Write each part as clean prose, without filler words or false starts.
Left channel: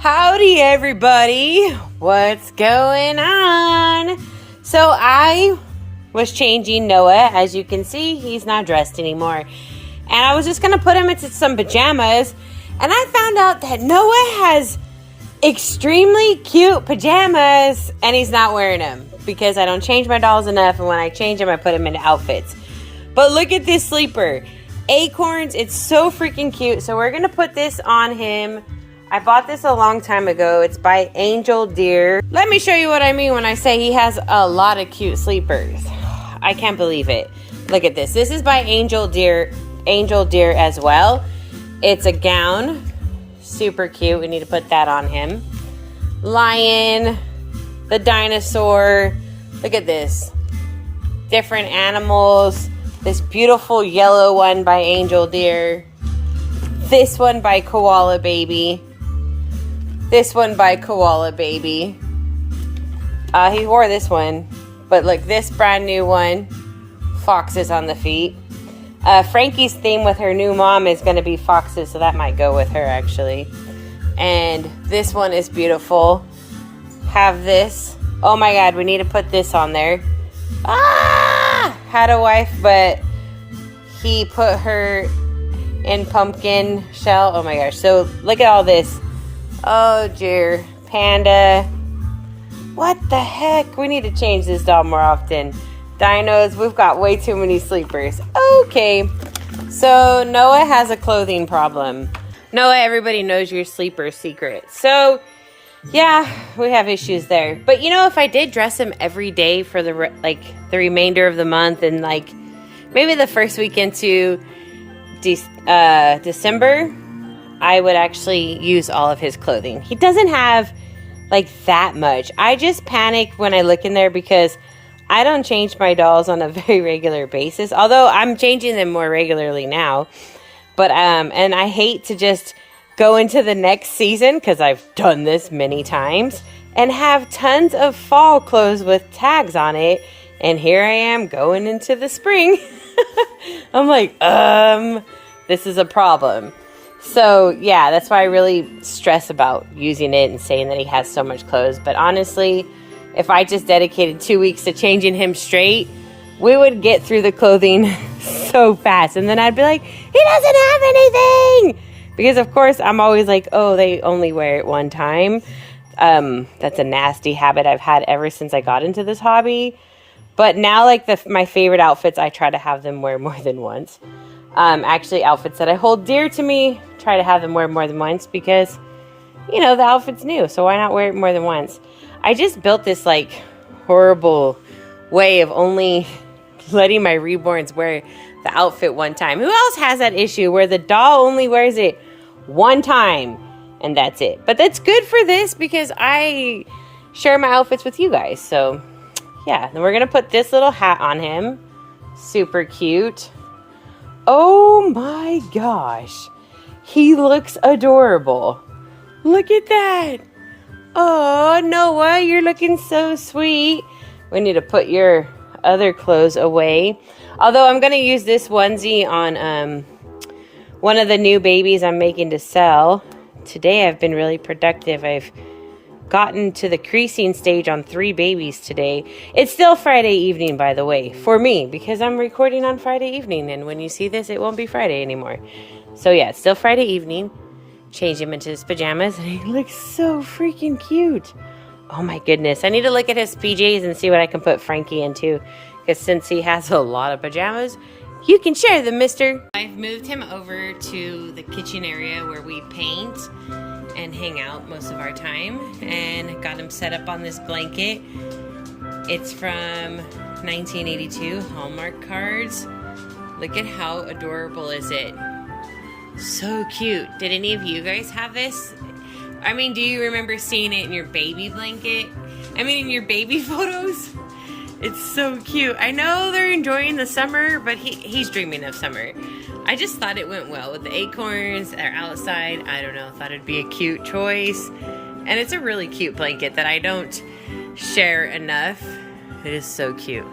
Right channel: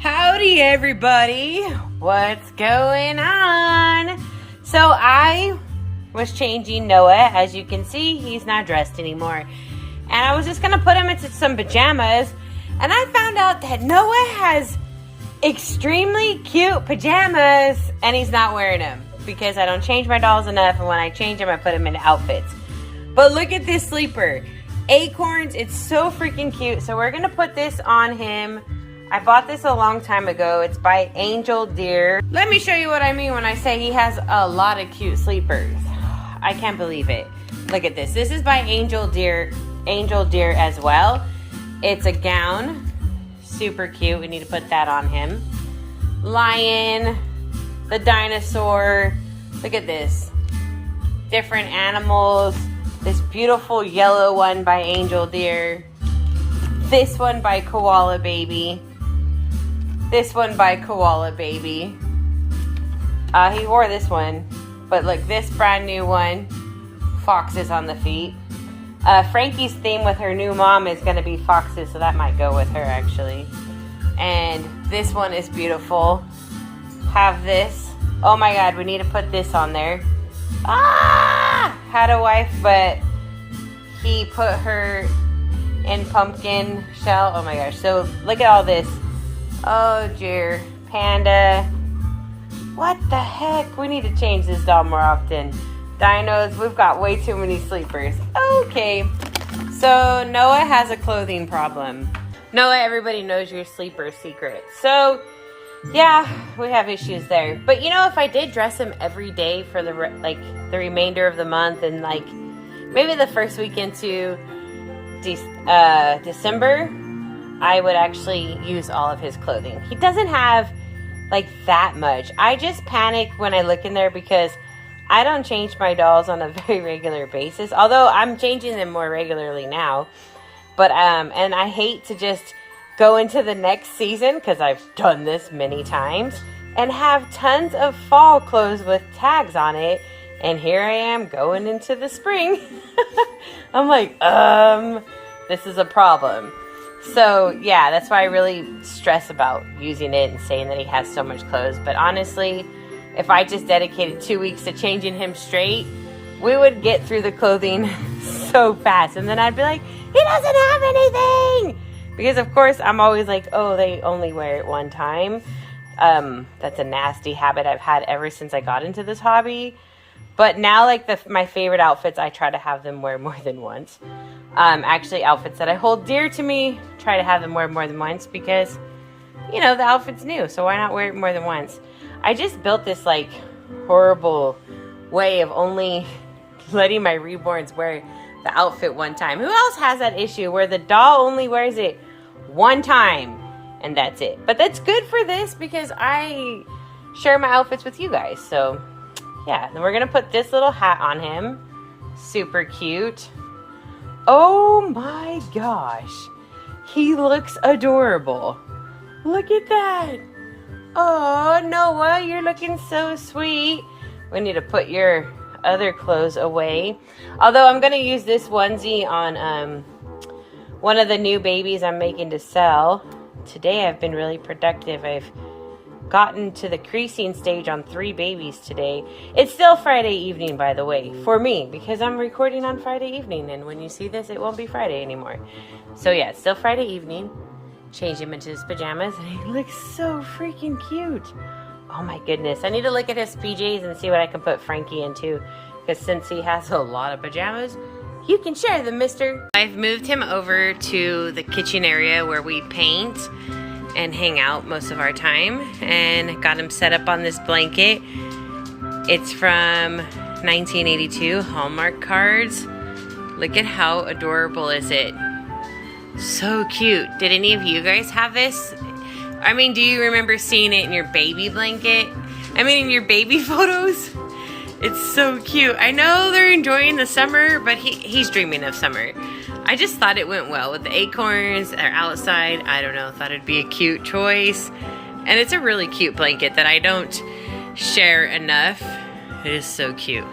Howdy everybody, what's going on? So I was changing Noah. As you can see, he's not dressed anymore, and I was just gonna put him into some pajamas, and I found out that Noah has extremely cute pajamas and he's not wearing them because I don't change my dolls enough, and when I change them I put them into outfits. But look at this sleeper, Acorns. It's so freaking cute. So we're gonna put this on him. I bought this a long time ago. It's by Angel Deer. Let me show you what I mean when I say he has a lot of cute sleepers. I can't believe it. Look at this. This is by Angel Deer as well. It's a gown. Super cute. We need to put that on him. Lion, the dinosaur. Look at this. Different animals. This beautiful yellow one by Angel Deer. This one by Koala Baby. This one by Koala Baby. He wore this one. But look, this brand new one. Foxes on the feet. Frankie's theme with her new mom is going to be foxes, so that might go with her actually. And this one is beautiful. Have this. Oh my god, we need to put this on there. Ah! Had a wife, but he put her in pumpkin shell. Oh my gosh. So look at all this. Oh dear. Panda. What the heck? We need to change this doll more often. Dinos. We've got way too many sleepers. Okay. So Noah has a clothing problem. Noah, everybody knows your sleeper secret. So yeah, we have issues there. But you know, if I did dress him every day for the remainder of the month, and like maybe the first week into December, I would actually use all of his clothing. He doesn't have like that much. I just panic when I look in there because I don't change my dolls on a very regular basis, although I'm changing them more regularly now. But and I hate to just go into the next season, because I've done this many times, and have tons of fall clothes with tags on it, and here I am going into the spring. I'm like, this is a problem. So yeah, that's why I really stress about using it and saying that he has so much clothes. But honestly, if I just dedicated 2 weeks to changing him straight, we would get through the clothing so fast. And then I'd be like, he doesn't have anything! Because of course I'm always like, oh, they only wear it one time. That's a nasty habit I've had ever since I got into this hobby. But now, like my favorite outfits, I try to have them wear more than once. Actually, outfits that I hold dear to me, try to have them wear more than once because, you know, the outfit's new, so why not wear it more than once? I just built this like horrible way of only letting my reborns wear the outfit one time. Who else has that issue where the doll only wears it one time and that's it? But that's good for this because I share my outfits with you guys. So yeah, then we're gonna put this little hat on him. Super cute. Oh my gosh, he looks adorable. Look at that. Oh, Noah, you're looking so sweet. We need to put your other clothes away. Although I'm gonna use this onesie on one of the new babies I'm making to sell. Today I've been really productive. I've gotten to the creasing stage on 3 babies today. It's still Friday evening, by the way, for me, because I'm recording on Friday evening, and when you see this, it won't be Friday anymore. So yeah, it's still Friday evening. Change him into his pajamas, and he looks so freaking cute. Oh my goodness. I need to look at his PJs and see what I can put Frankie into, because since he has a lot of pajamas, you can share them, mister. I've moved him over to the kitchen area where we paint and hang out most of our time, and got him set up on this blanket. It's from 1982 Hallmark cards. Look at how adorable is it. So cute. Did any of you guys have this? I mean, do you remember seeing it in your baby blanket? I mean, in your baby photos? It's so cute. I know they're enjoying the summer, but he's dreaming of summer. I just thought it went well with the acorns. They're outside. I don't know. Thought it'd be a cute choice. And it's a really cute blanket that I don't share enough. It is so cute.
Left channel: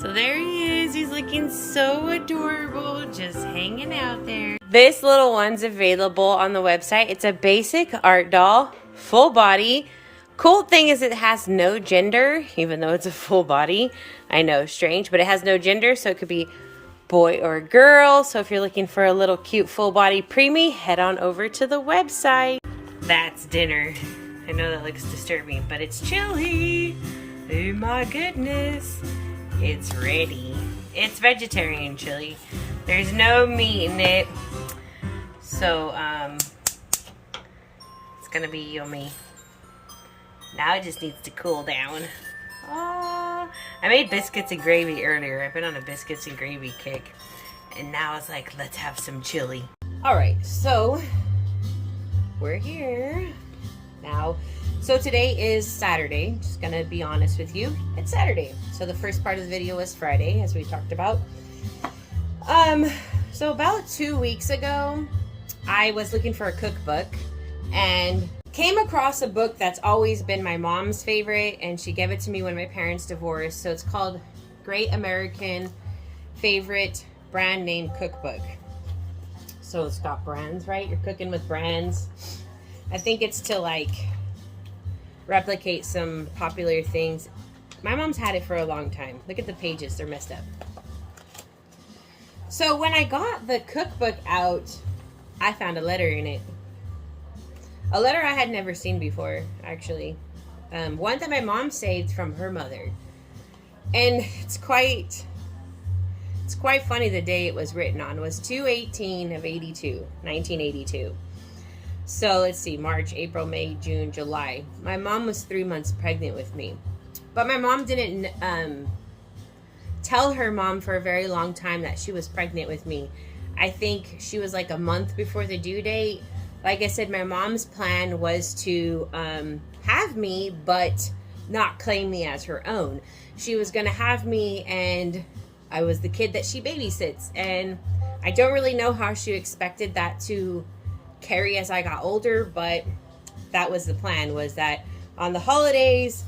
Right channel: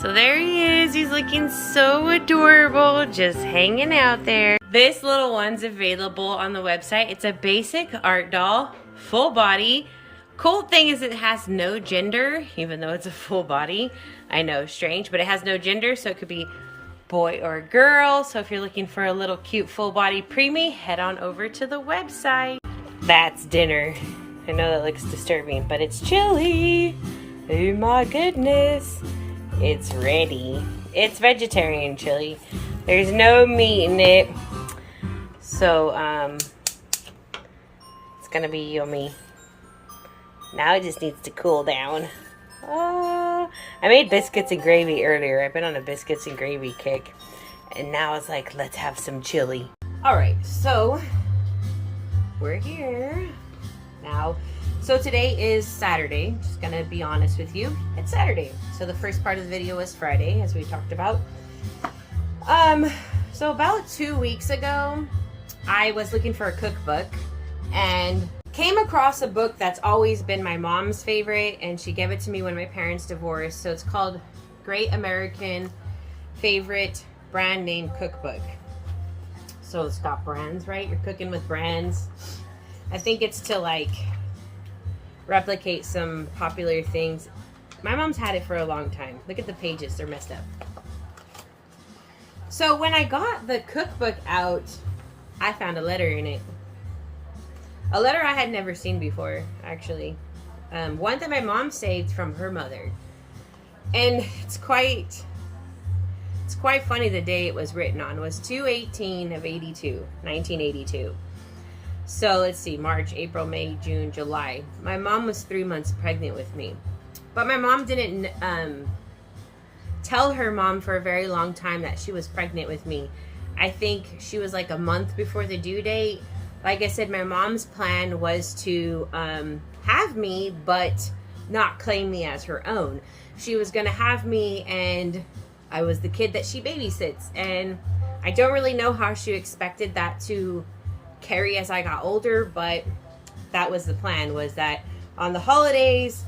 So there he is. He's looking so adorable, just hanging out there. This little one's available on the website. It's a basic art doll, full body. Cool thing is it has no gender, even though it's a full body. I know, strange, but it has no gender, so it could be boy or girl. So if you're looking for a little cute full body preemie, head on over to the website. That's dinner. I know that looks disturbing, but it's chili. Oh my goodness. It's ready. It's vegetarian chili. There's no meat in it. So, it's gonna be yummy. Now it just needs to cool down. Oh, I made biscuits and gravy earlier. I've been on a biscuits and gravy kick. And now it's like, let's have some chili. All right, so we're here now. So today is Saturday. Just gonna be honest with you. It's Saturday. So the first part of the video was Friday, as we talked about. So about 2 weeks ago, I was looking for a cookbook and came across a book that's always been my mom's favorite, and she gave it to me when my parents divorced. So it's called Great American Favorite Brand Name Cookbook. So it's got brands, right? You're cooking with brands. I think it's to like replicate some popular things. My mom's had it for a long time. Look at the pages, they're messed up. So when I got the cookbook out, I found a letter in it. A letter I had never seen before, actually. One that my mom saved from her mother. And it's quite funny the day it was written on. It was 2/18 of 1982. So let's see, March, April, May, June, July. My mom was 3 months pregnant with me. But my mom didn't tell her mom for a very long time that she was pregnant with me. I think she was like a month before the due date. Like I said, my mom's plan was to have me, but not claim me as her own. She was going to have me, and I was the kid that she babysits. And I don't really know how she expected that to carry as I got older, but that was the plan, was that on the holidays,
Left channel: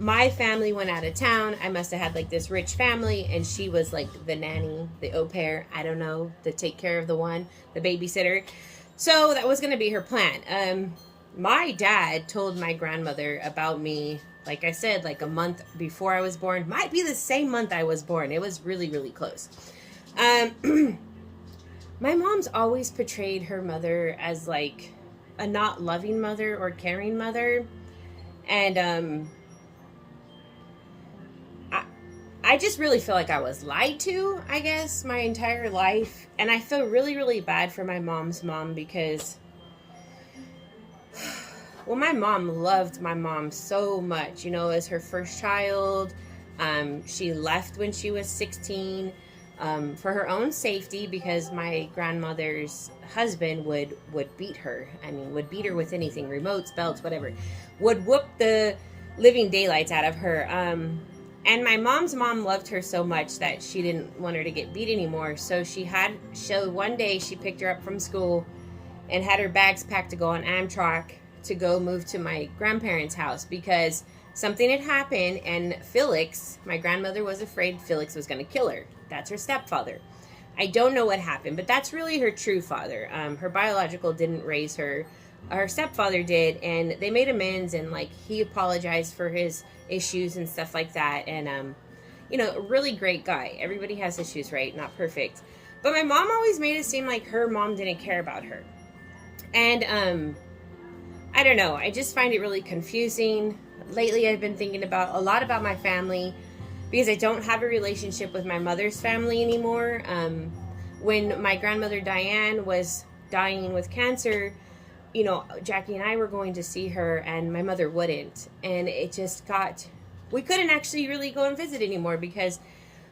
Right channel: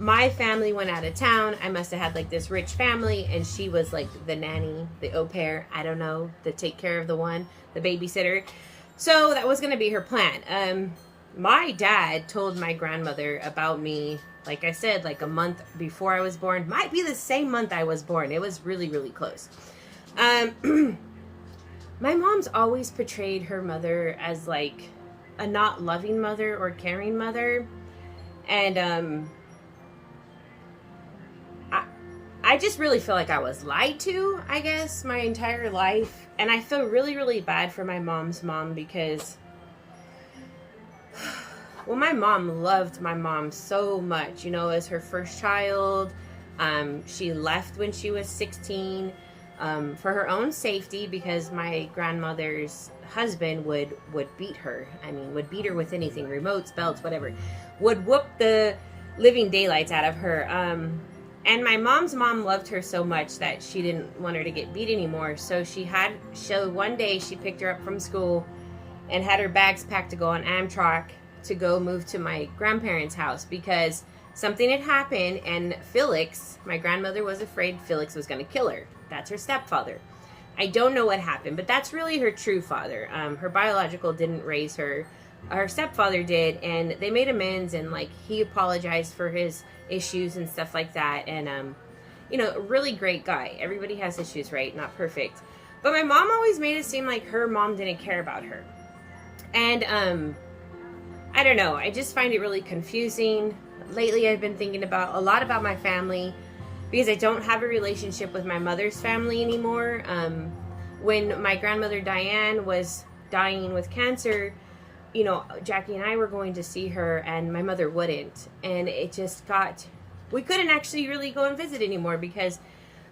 my family went out of town. I must have had like this rich family, and she was like the nanny, the au pair, I don't know, the take care of the one, the babysitter. So that was going to be her plan. My dad told my grandmother about me, like I said, like a month before I was born. Might be the same month I was born. It was really, really close. My mom's always portrayed her mother as like a not loving mother or caring mother. And I just really feel like I was lied to, I guess, my entire life. And I feel really, really bad for my mom's mom because, well, my mom loved my mom so much, you know, as her first child. She left when she was 16 for her own safety, because my grandmother's husband would beat her. I mean, would beat her with anything, remotes, belts, whatever. Would whoop the living daylights out of her. And my mom's mom loved her so much that she didn't want her to get beat anymore. So one day she picked her up from school and had her bags packed to go on Amtrak to go move to my grandparents' house, because something had happened, and Felix, my grandmother, was afraid Felix was going to kill her. That's her stepfather. I don't know what happened, but that's really her true father. Her biological didn't raise her. Her stepfather did, and they made amends, and like he apologized for his issues and stuff like that. And you know, a really great guy. Everybody has issues, right? Not perfect. But my mom always made it seem like her mom didn't care about her. And I don't know, I just find it really confusing. Lately I've been thinking a lot about my family, because I don't have a relationship with my mother's family anymore. When my grandmother Diane was dying with cancer, you know, Jackie and I were going to see her, and my mother wouldn't. And it just we couldn't actually really go and visit anymore, because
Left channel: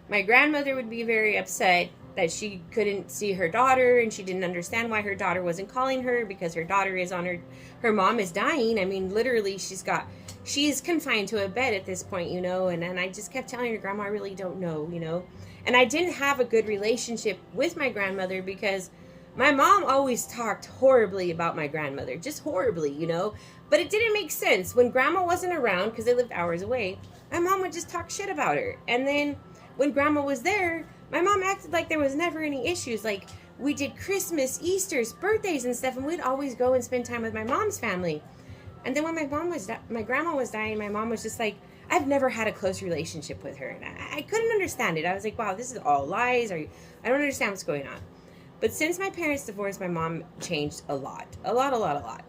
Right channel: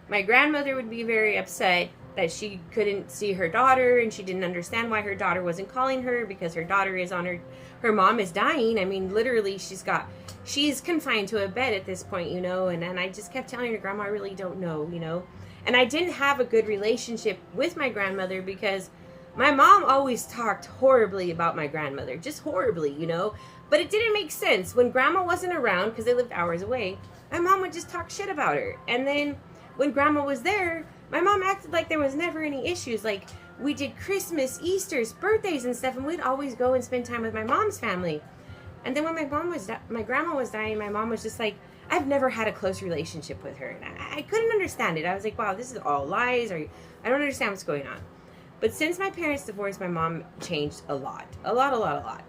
my grandmother would be very upset that she couldn't see her daughter, and she didn't understand why her daughter wasn't calling her, because her daughter is on her mom is dying. I mean, literally, she's confined to a bed at this point, you know. And I just kept telling her, Grandma, I really don't know, you know. And I didn't have a good relationship with my grandmother, because my mom always talked horribly about my grandmother, just horribly, you know. But it didn't make sense. When Grandma wasn't around, because they lived hours away, my mom would just talk shit about her. And then when Grandma was there, my mom acted like there was never any issues. Like, we did Christmas, Easter's, birthdays and stuff, and we'd always go and spend time with my mom's family. And then when my grandma was dying, my mom was just like, I've never had a close relationship with her. And I couldn't understand it. I was like, wow, this is all lies. I don't understand what's going on. But since my parents divorced, my mom changed a lot. A lot.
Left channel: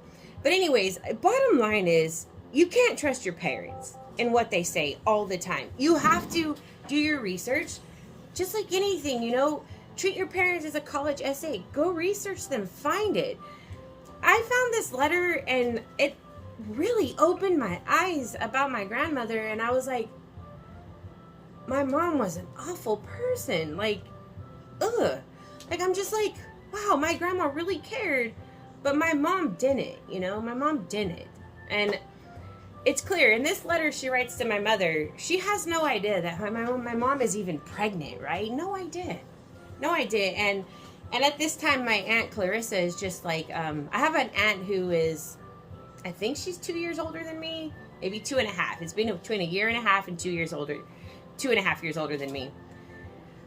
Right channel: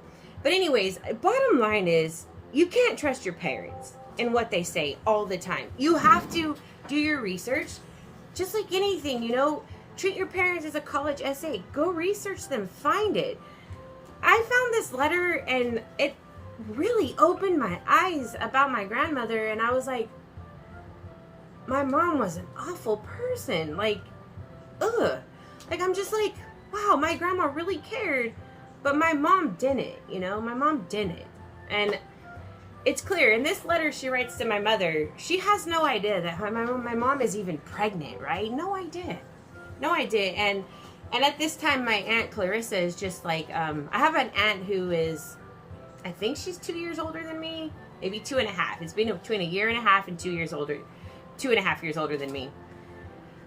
But anyways, bottom line is, you can't trust your parents and what they say all the time. You have to do your research. Just like anything, you know, treat your parents as a college essay. Go research them, find it. I found this letter and it really opened my eyes about my grandmother, and I was like, my mom was an awful person. Like, ugh. Like, I'm just like, wow, my grandma really cared, but my mom didn't, you know? My mom didn't. And it's clear, in this letter she writes to my mother, she has no idea that my mom is even pregnant, right? No idea. And at this time, my Aunt Clarissa is just like, I have an aunt who is, I think she's 2 years older than me, maybe 2.5. It's been between 1.5 years and 2 years older, 2.5 years older than me.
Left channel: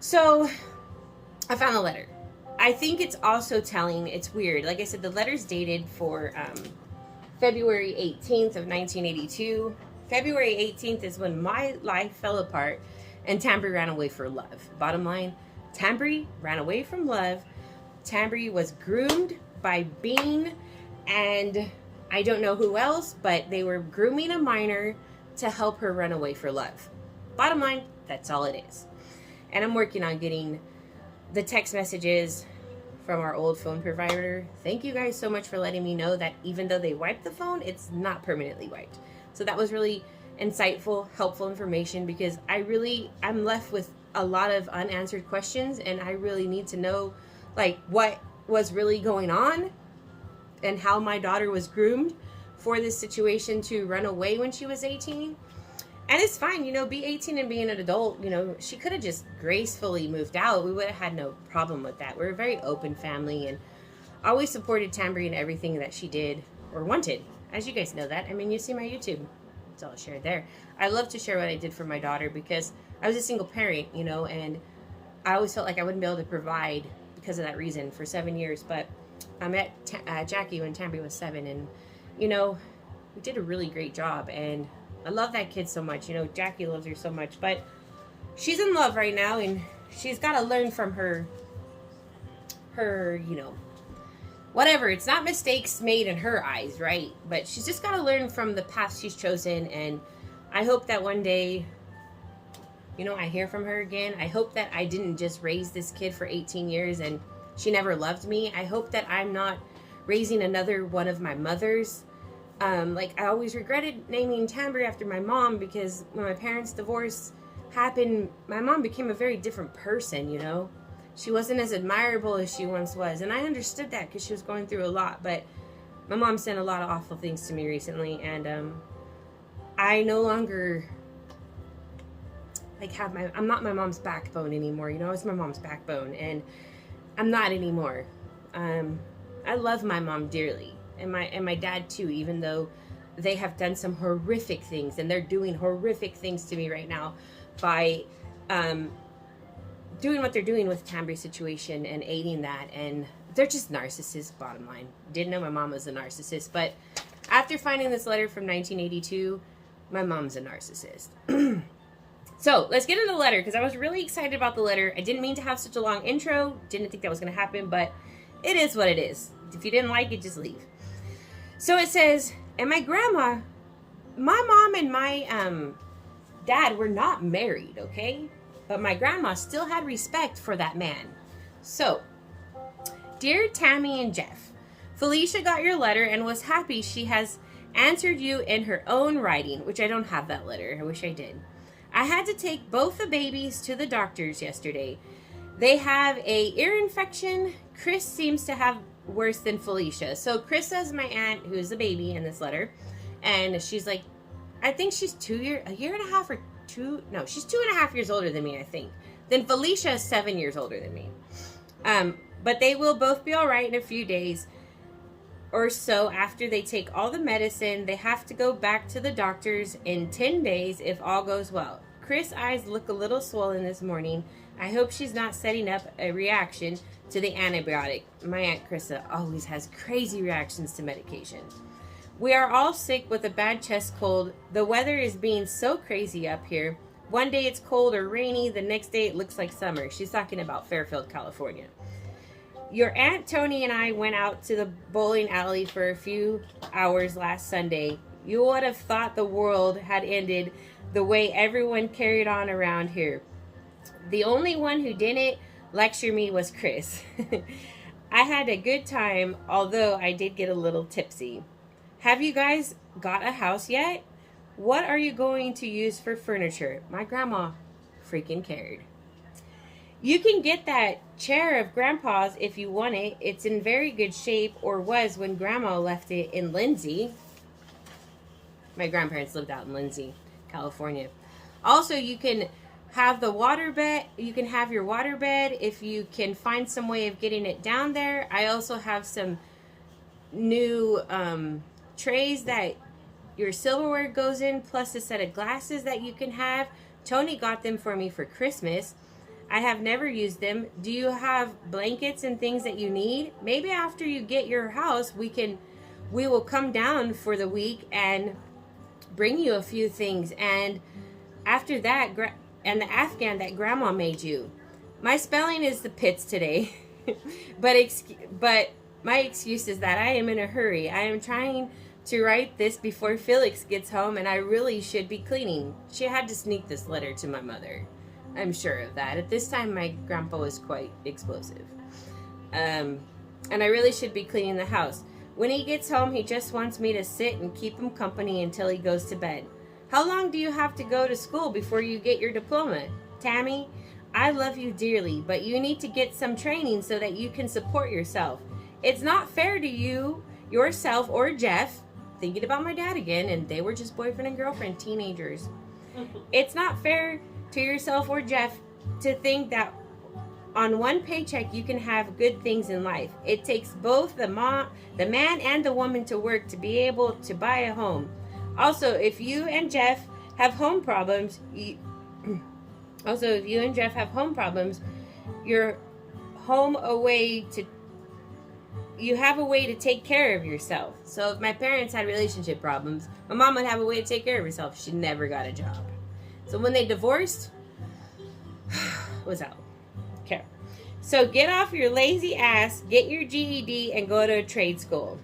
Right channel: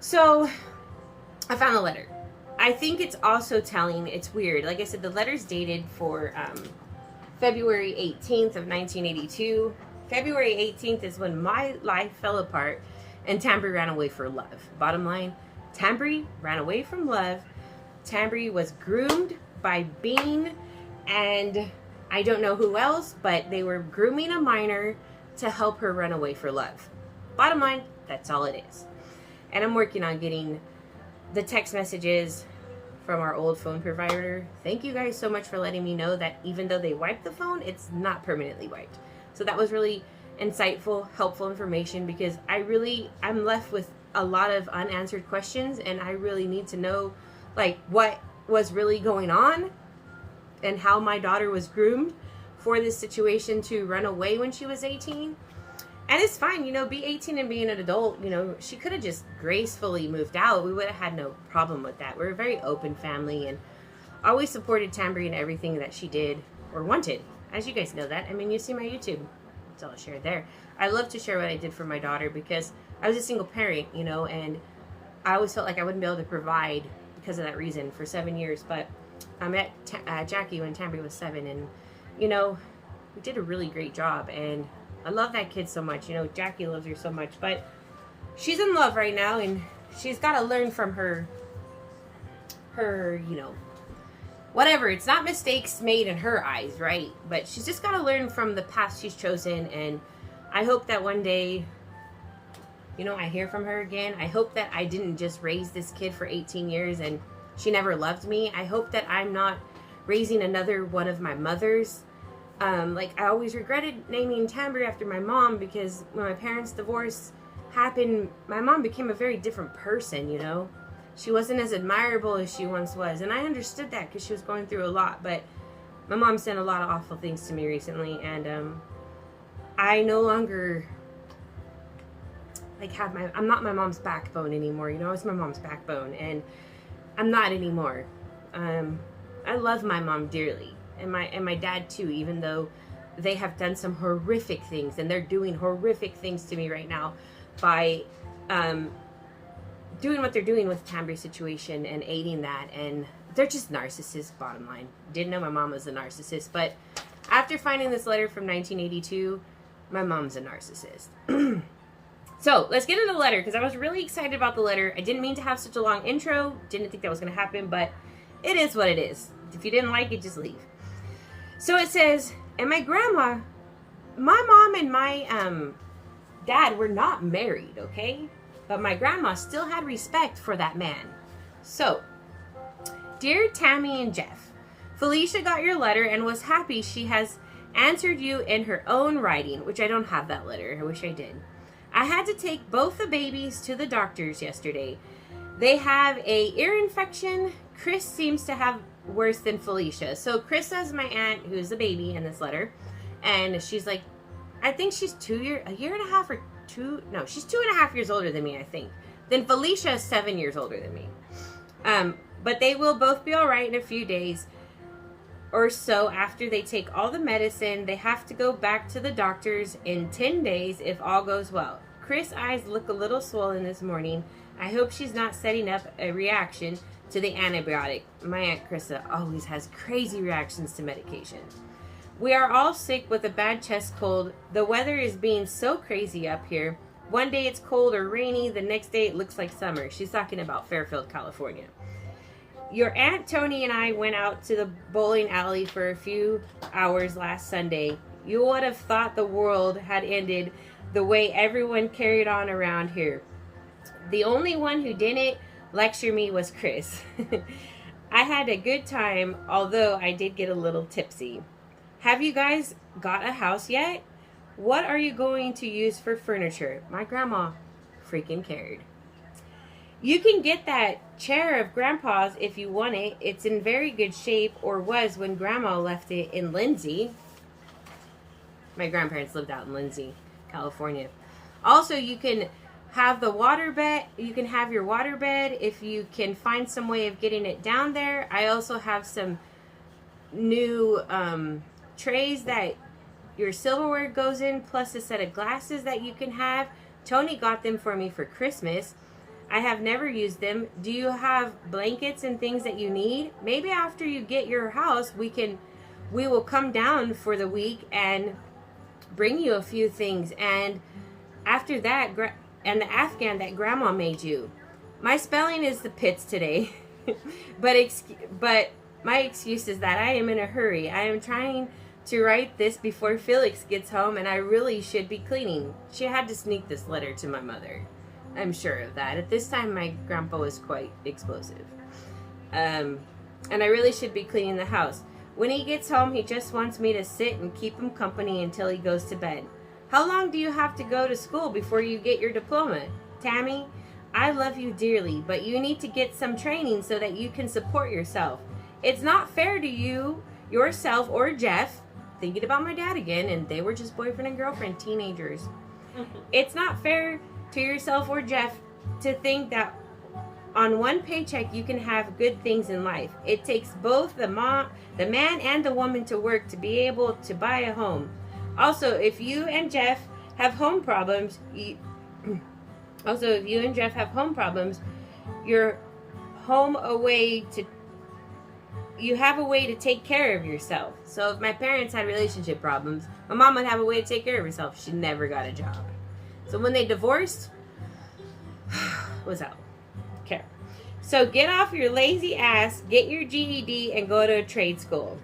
So I found the letter. I think it's also telling, it's weird. Like I said, the letter's dated for February 18th of 1982. February 18th is when my life fell apart and Tambry ran away for love. Bottom line, Tambry ran away from love. Tambry was groomed by Bean and I don't know who else, but they were grooming a minor to help her run away for love. Bottom line, that's all it is. And I'm working on getting the text messages from our old phone provider. Thank you guys so much for letting me know that even though they wiped the phone, it's not permanently wiped. So that was really insightful, helpful information, because I'm left with a lot of unanswered questions, and I really need to know like what was really going on and how my daughter was groomed for this situation to run away when she was 18. And it's fine, you know, be 18 and be an adult, you know, she could have just gracefully moved out. We would have had no problem with that. We're a very open family and always supported Tambry in everything that she did or wanted. As you guys know that. I mean, you see my YouTube. It's all shared there. I love to share what I did for my daughter because I was a single parent, you know, and I always felt like I wouldn't be able to provide because of that reason for 7 years. But I met Jackie when Tambry was 7, and, you know, we did a really great job, and I love that kid so much. You know, Jackie loves her so much, but she's in love right now, and she's got to learn from her, you know, whatever. It's not mistakes made in her eyes, right? But she's just got to learn from the path she's chosen, and I hope that one day, you know, I hear from her again. I hope that I didn't just raise this kid for 18 years and she never loved me. I hope that I'm not raising another one of my mothers. Like, I always regretted naming Tambry after my mom because when my parents' divorce happened, my mom became a very different person, you know? She wasn't as admirable as she once was, and I understood that because she was going through a lot, but my mom said a lot of awful things to me recently, and I no longer, like, I'm not my mom's backbone anymore, you know? I was my mom's backbone, and I'm not anymore. I love my mom dearly. And my dad too, even though they have done some horrific things, and they're doing horrific things to me right now by doing what they're doing with Tambry's situation and aiding that, and they're just narcissists, bottom line. Didn't know my mom was a narcissist, but after finding this letter from 1982, my mom's a narcissist. So let's get into the letter, because I was really excited about the letter. I didn't mean to have such a long intro, didn't think that was going to happen, but it is what it is. If you didn't like it, just leave. So it says, and my grandma, my mom and my dad were not married, okay? But my grandma still had respect for that man. So, dear Tammy and Jeff, Felicia got your letter and was happy she has answered you in her own writing, which I don't have that letter. I wish I did. I had to take both the babies to the doctors yesterday. They have a ear infection. Chris seems to have worse than Felicia. So Chris is my aunt, who's the baby in this letter, and she's like, I think she's a year and a half or two. No, she's 2.5 years older than me, I think. Then Felicia is 7 years older than me. But they will both be all right in a few days or so after they take all the medicine. They have to go back to the doctors in 10 days if all goes well. Chris' eyes look a little swollen this morning. I hope she's not setting up a reaction to the antibiotic. My Aunt Krista always has crazy reactions to medication. We are all sick with a bad chest cold. The weather is being so crazy up here. One day it's cold or rainy, the next day it looks like summer. She's talking about Fairfield, California. Your Aunt Tony and I went out to the bowling alley for a few hours last Sunday. You would have thought the world had ended the way everyone carried on around here. The only one who didn't lecture me was Chris. I had a good time, although I did get a little tipsy. Have you guys got a house yet? What are you going to use for furniture? My grandma freaking cared. You can get that chair of Grandpa's if you want it. It's in very good shape, or was when Grandma left it in Lindsay. My grandparents lived out in Lindsay, California. Also, you can have the water bed. You can have your water bed if you can find some way of getting it down there. I also have some new trays that your silverware goes in, plus a set of glasses that you can have. Tony got them for me for Christmas. I have never used them. Do you have blankets and things that you need? Maybe after you get your house, we will come down for the week and bring you a few things. And after that, and the Afghan that Grandma made you. My spelling is the pits today, but my excuse is that I am in a hurry. I am trying to write this before Felix gets home, and I really should be cleaning. She had to sneak this letter to my mother. I'm sure of that. At this time, my grandpa was quite explosive. And I really should be cleaning the house. When he gets home, he just wants me to sit and keep him company until he goes to bed. How long do you have to go to school before you get your diploma? Tammy, I love you dearly, but you need to get some training so that you can support yourself. It's not fair to you, yourself, or Jeff. Thinking about my dad again, and they were just boyfriend and girlfriend, teenagers. It's not fair to yourself or Jeff to think that on one paycheck you can have good things in life. It takes both the man and the woman to work to be able to buy a home. Also, if you and Jeff have home problems, you're home you have a way to take care of yourself. So if my parents had relationship problems, my mom would have a way to take care of herself. She never got a job. So when they divorced, was out. Okay. So get off your lazy ass, get your GED, and go to a trade school.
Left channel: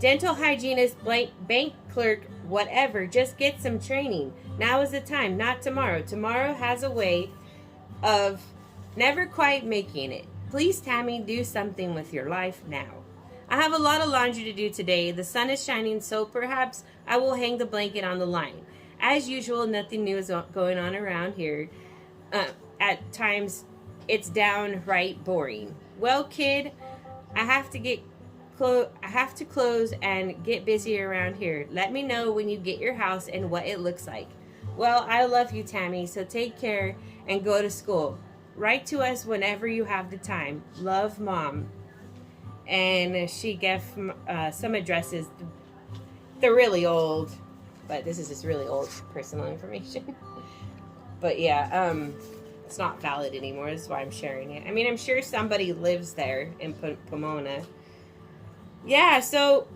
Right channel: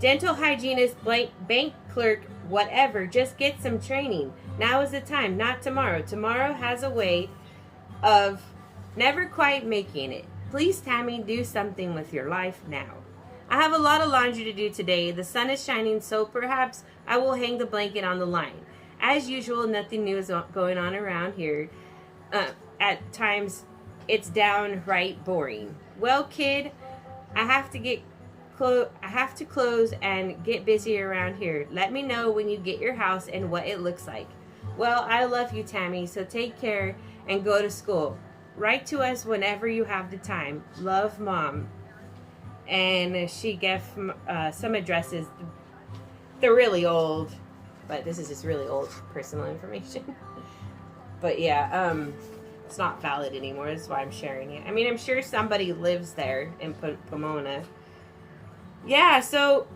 Dental hygienist, bank clerk, whatever. Just get some training. Now is the time, not tomorrow. Tomorrow has a way of never quite making it. Please, Tammy, do something with your life now. I have a lot of laundry to do today. The sun is shining, so perhaps I will hang the blanket on the line. As usual, nothing new is going on around here. At times, it's downright boring. Well, kid, I have to close and get busy around here. Let me know when you get your house and what it looks like. Well, I love you, Tammy, so take care and go to school. Write to us whenever you have the time. Love, Mom. And she gave some addresses. They're really old, but this is just really old personal information. But yeah, it's not valid anymore. That's why I'm sharing it. I mean, I'm sure somebody lives there in Pomona. Yeah, so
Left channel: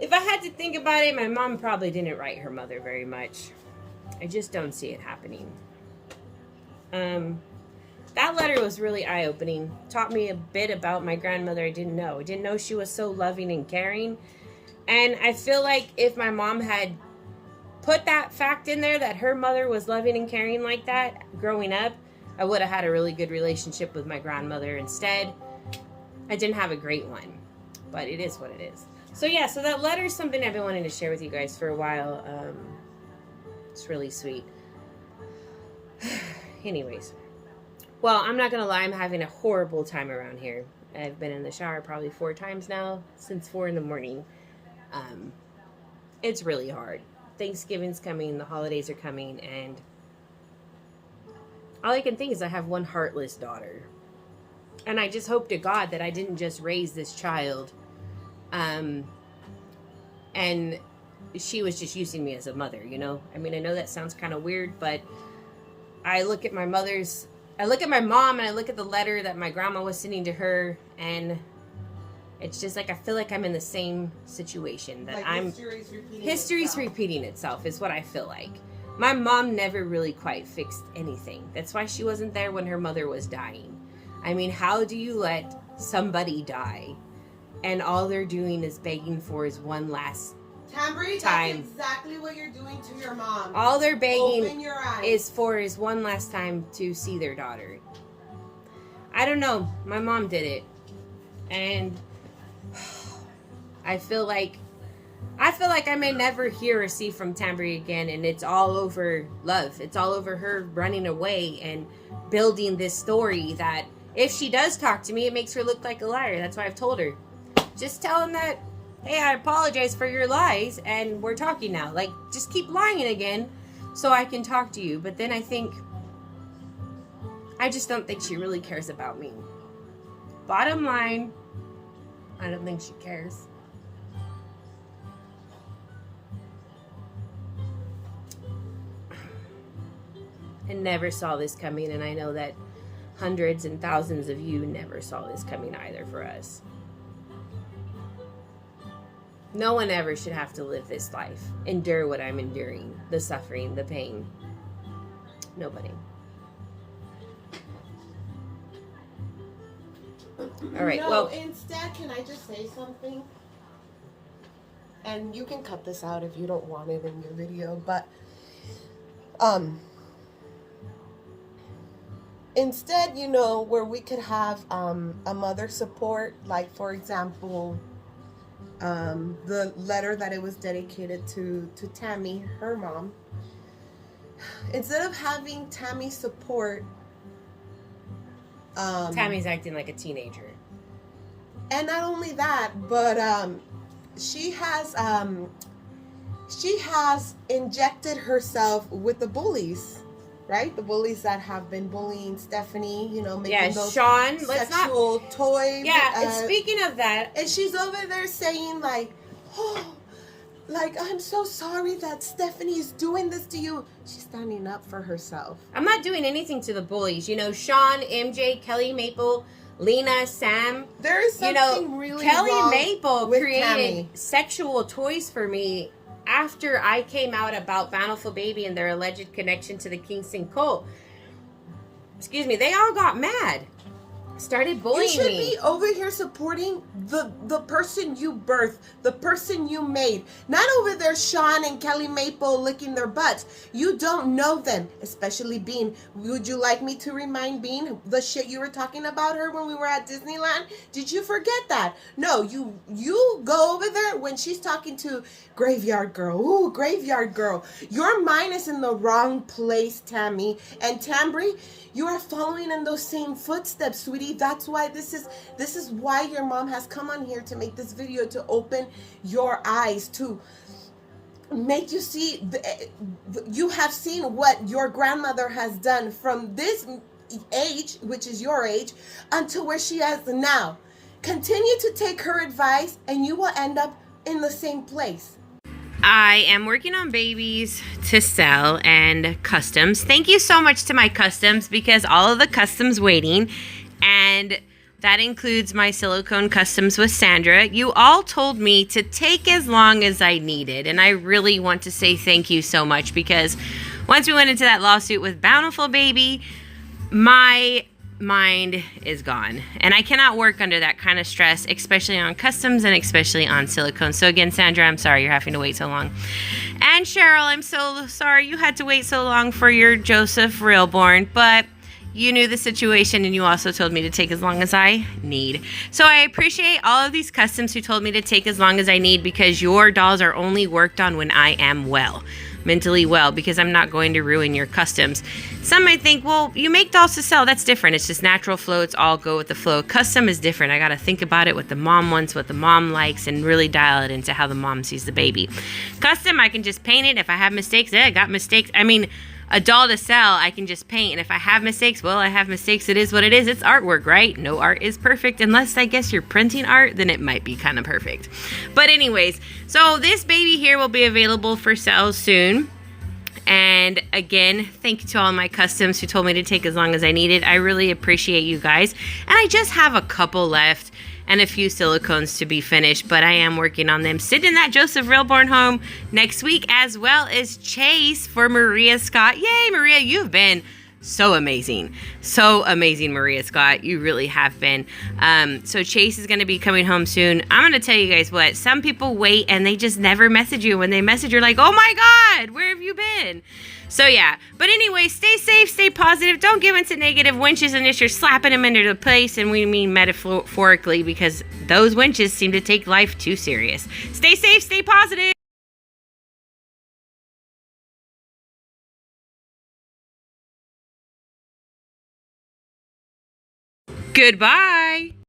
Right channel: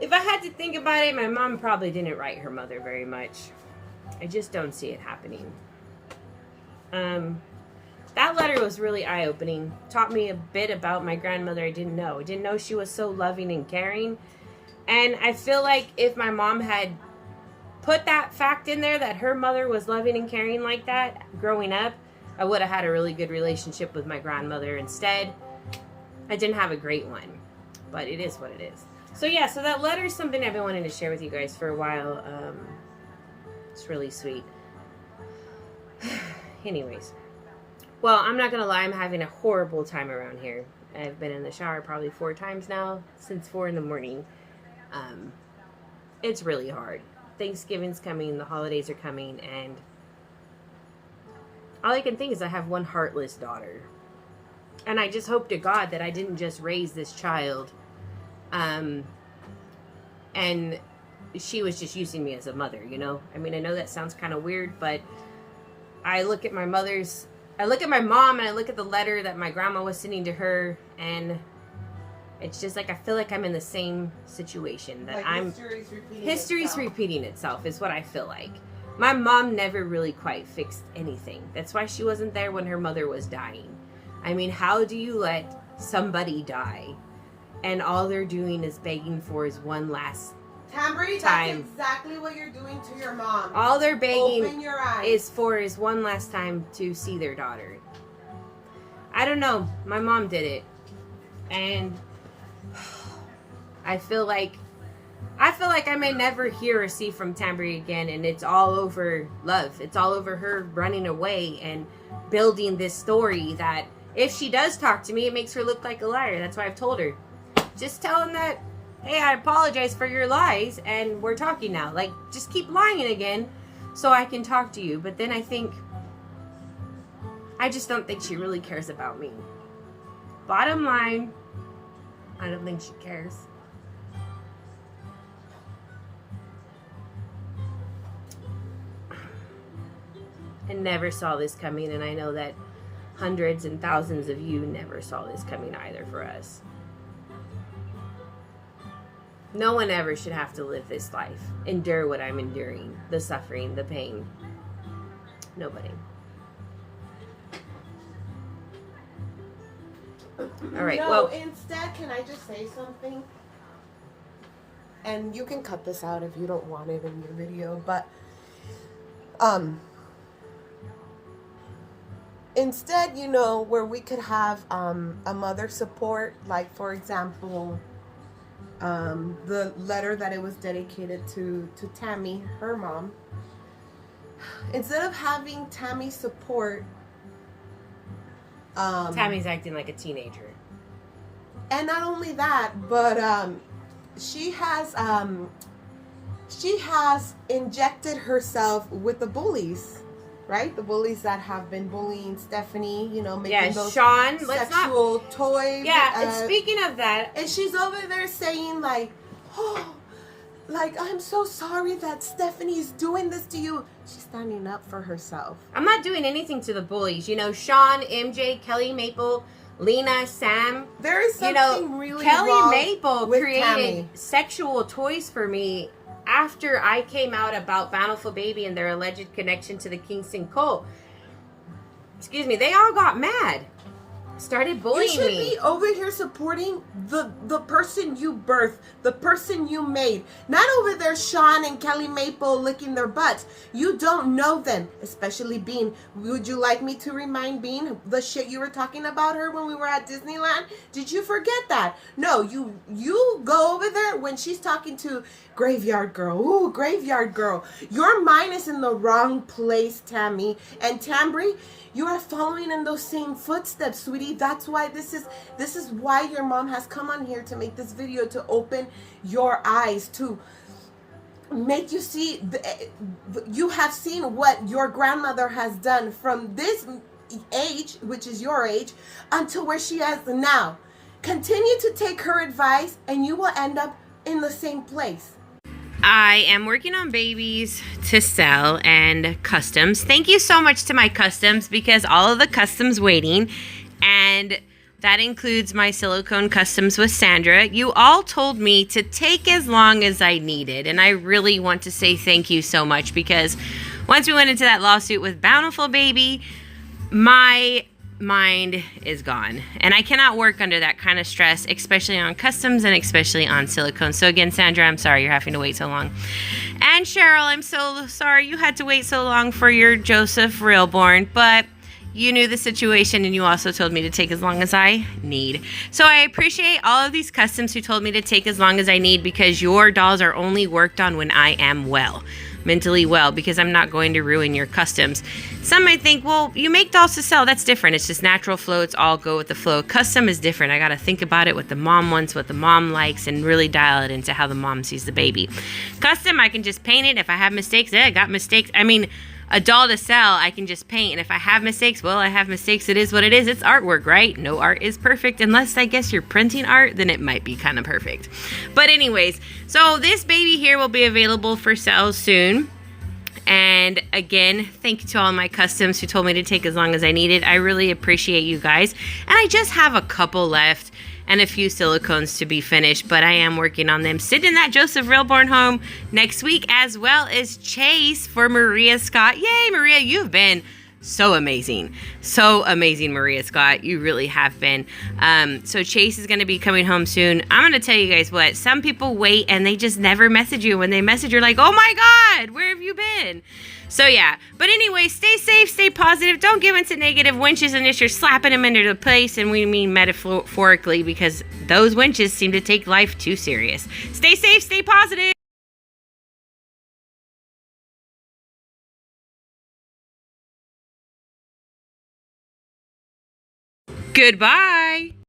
if I had to think about it, my mom probably didn't write her mother very much. I just don't see it happening. That letter was really eye-opening. Taught me a bit about my grandmother I didn't know. I didn't know she was so loving and caring. And I feel like if my mom had put that fact in there that her mother was loving and caring like that growing up, I would have had a really good relationship with my grandmother. Instead, I didn't have a great one. But it is what it is. So yeah, so that letter is something I've been wanting to share with you guys for a while. It's really sweet. Anyways. Well, I'm not going to lie, I'm having a horrible time around here. I've been in the shower probably 4 times now, since 4 in the morning. It's really hard. Thanksgiving's coming, the holidays are coming, and all I can think is I have one heartless daughter. And I just hope to God that I didn't just raise this child, and she was just using me as a mother, you know? I mean, I know that sounds kind of weird, but I look at my mother's I look at my mom and I look at the letter that my grandma was sending to her, and it's just like I feel like I'm in the same situation. That like history's repeating itself is what I feel like. My mom never really quite fixed anything. That's why she wasn't there when her mother was dying. I mean, how do you let somebody die and all they're doing is begging for is one last Tambry, time? That's exactly what you're doing to your mom. All they're begging is one last time to see their daughter. I don't know. My mom did it. And I feel like I may never hear or see from Tambry again, and it's all over love. It's all over her running away and building this story that if she does talk to me, it makes her look like a liar. That's why I've told her. Just tell him that, hey, I apologize for your lies, and we're talking now. Like, just keep lying again so I can talk to you. But then I just don't think she really cares about me. Bottom line, I don't think she cares. I never saw this coming, and I know that hundreds and thousands of you never saw this coming either for us. No one ever should have to live this life, endure what I'm enduring, the suffering, the pain. Nobody. All right, no, well. Instead, can I just say something? And you can cut this out if you don't want it in your video, but instead, you know, where we could have a mother support, like for example, the letter that it was dedicated to Tammy, her mom. Instead of having Tammy support, Tammy's acting like a teenager. And not only that, but she has injected herself with the bullies, right? The bullies that have been bullying Stephanie, you know, making those Sean, sexual toys. Yeah, and speaking of that, and she's over there saying like, oh, like, I'm so sorry that Stephanie's doing this to you. She's standing up for herself. I'm not doing anything to the bullies. You know, Sean, MJ, Kelly Maple, Lena, Sam. There is something really Kelly wrong Maple with created Tammy. sexual toys for me after I came out about Bountiful Baby and their alleged connection to the Kingston cult. Excuse me, they all got mad. Started bullying me. You should be over here supporting the person you birthed, the person you made. Not over there Sean and Kelly Maple licking their butts. You don't know them, especially Bean. Would you like me to remind Bean the shit you were talking about her when we were at Disneyland? Did you forget that? No, you go over there when she's talking to Graveyard Girl. Ooh, Graveyard Girl. Your mind is in the wrong place, Tammy. And Tambry, you are following in those same footsteps, sweetie. That's why this is why your mom has come on here to make this video, to open your eyes, to make you see. You have seen what your grandmother has done from this age, which is your age, until where she is now. Continue to take her advice, and you will end up in the same place. I am working on babies to sell and customs. Thank you so much to my customs, because all of the customs waiting, and that includes my silicone customs with Sandra. You all told me to take as long as I needed, and I really want to say thank you so much, because once we went into that lawsuit with Bountiful Baby, my mind is gone, and I cannot work under that kind of stress, especially on customs and especially on silicone. So again, Sandra, I'm sorry you're having to wait so long. And Cheryl, I'm so sorry you had to wait so long for your Joseph reborn, but you knew the situation, and you also told me to take as long as I need. So I appreciate all of these customs who told me to take as long as I need, because your dolls are only worked on when I am well, mentally well, because I'm not going to ruin your customs. Some might think, well, you make dolls to sell. That's different. It's just natural flow. It's all go with the flow. Custom is different. I got to think about it, what the mom wants, what the mom likes, and really dial it into how the mom sees the baby. Custom, I can just paint it. If I have mistakes, I got mistakes. I mean, a doll to sell, I can just paint. And if I have mistakes, well, I have mistakes. It is what it is. It's artwork, right? No art is perfect, unless I guess you're printing art, then it might be kind of perfect. But anyways, so this baby here will be available for sale soon. And again, thank you to all my customs who told me to take as long as I needed. I really appreciate you guys. And I just have a couple left and a few silicones to be finished, but I am working on them. Sending that Joseph Reborn home next week, as well as Chase for Maria Scott. Yay, Maria, you've been so amazing. So amazing, Maria Scott. You really have been. So Chase is going to be coming home soon. I'm going to tell you guys what, some people wait and they just never message you. When they message, you're like, oh my God, where have you been? So yeah, but anyway, stay safe, stay positive. Don't give into negative winches unless you're slapping them into place, and we mean metaphorically, because those winches seem to take life too serious. Stay safe, stay positive. Goodbye.